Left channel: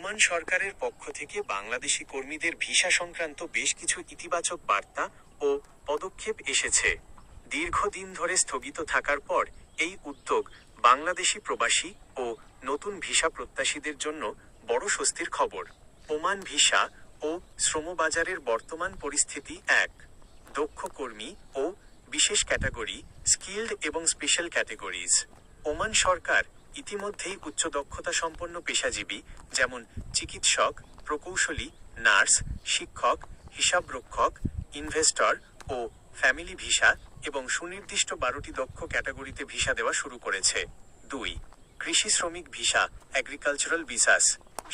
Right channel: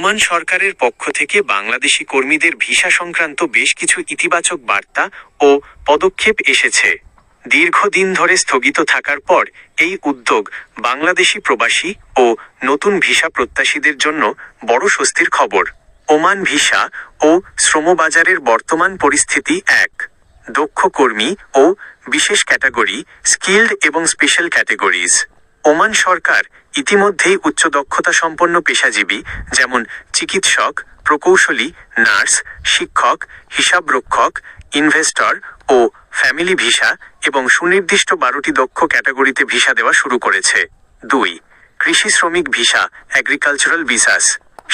Oman সরকারের পক্ষ থেকে বাংলাদেশি কর্মীদের ভিসা সংক্রান্ত বেশ কিছু ইতিবাচক বার্তা ও পদক্ষেপ এসেছে। দীর্ঘদিন ধরে স্থগিত থাকার পর এই উদ্যোগ বাংলাদেশি প্রবাসী ও নতুন ভিসা প্রত্যাশীদের জন্য বড় স্বস্তির খবর। ওমান ভিসা ও শ্রমবাজারের বর্তমান পরিস্থিতি। এক, দক্ষ কর্মী ও বিশেষ ক্যাটাগরি, স্কিল্ড এবং স্পেশাল ক্যাটাগরিজ। ওমান সরকার ইতিমধ্যেই উচ্চ দক্ষতা সম্পন্ন পেশাজীবী যেমন চিকিৎসক, প্রকৌশলী, নার্স, শিক্ষক, হিসাবরক্ষক, ইনভেস্টর ও ফ্যামিলি ভিসা এবং সুনির্দিষ্ট 12টি দক্ষ ক্যাটাগরিতে ভিসা দেওয়া শুরু করেছে। 2, কৃষি শ্রমিক ভিসা, এগ্রিকালচারাল ভিসাস।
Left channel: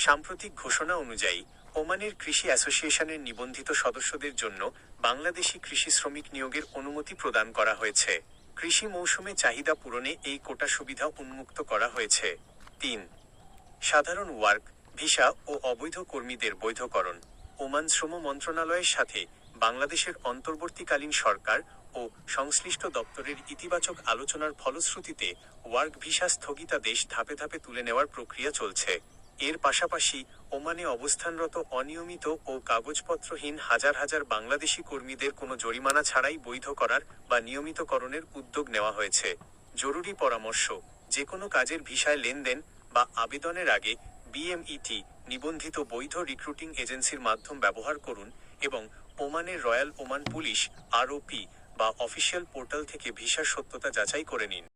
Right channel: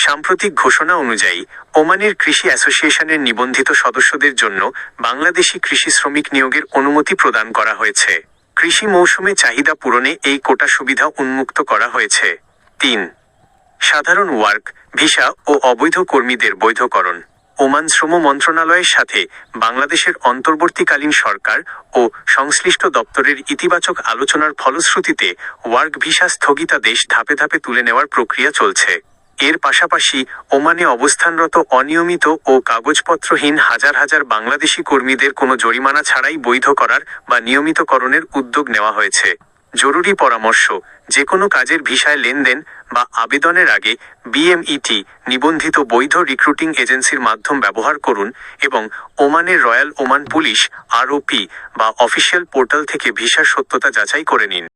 সাম্প্রতিক ঘোষণা অনুযায়ী ওমানের কৃষি অ্যাসোসিয়েশনের নিবন্ধিত সদস্যদের জন্য বাংলাদেশি কৃষি শ্রমিক নিয়োগের অনুমতি প্রদান করা হয়েছে। কৃষি মৌসুমে চাহিদা পূরণে এই কোটা সুবিধা উন্মুক্ত করা হয়েছে। 3, সাধারণ ওয়ার্ক ভিসা ও অবৈধ কর্মীদের বৈধকরণ। ওমান শ্রম মন্ত্রণালয়ের সাথে বাংলাদেশের অন্তর্বর্তীকালীন সরকার ও সংশ্লিষ্ট দপ্তরের ইতিবাচক আলোচনার ফলশ্রুতিতে ওয়ার্ক ভিসা স্থগিতাদেশ ধাপে ধাপে তুলে নেওয়ার প্রক্রিয়া চলছে। এর পাশাপাশি ওমানে অবস্থানরত অনিয়মিত ও কাগজপত্রহীন হাজার হাজার বাংলাদেশি কর্মীদের কোনো জরিমানা ছাড়াই বৈধ করার বা নিয়মিতকরণের উদ্যোগ নেওয়া হয়েছে। জরুরি পরামর্শ: যে কোনো কাজের ভিসায় লেনদেন বা আবেদনের আগে বিএমইটি নিবন্ধিত বৈধ রিক্রুটিং এজেন্সির মাধ্যম ব্যবহার করুন এবং ওমানের রয়্যাল ওমান পুলিশ আরওপি বা অফিসিয়াল পোর্টাল থেকে ভিসার সত্যতা যাচাই করে নিন।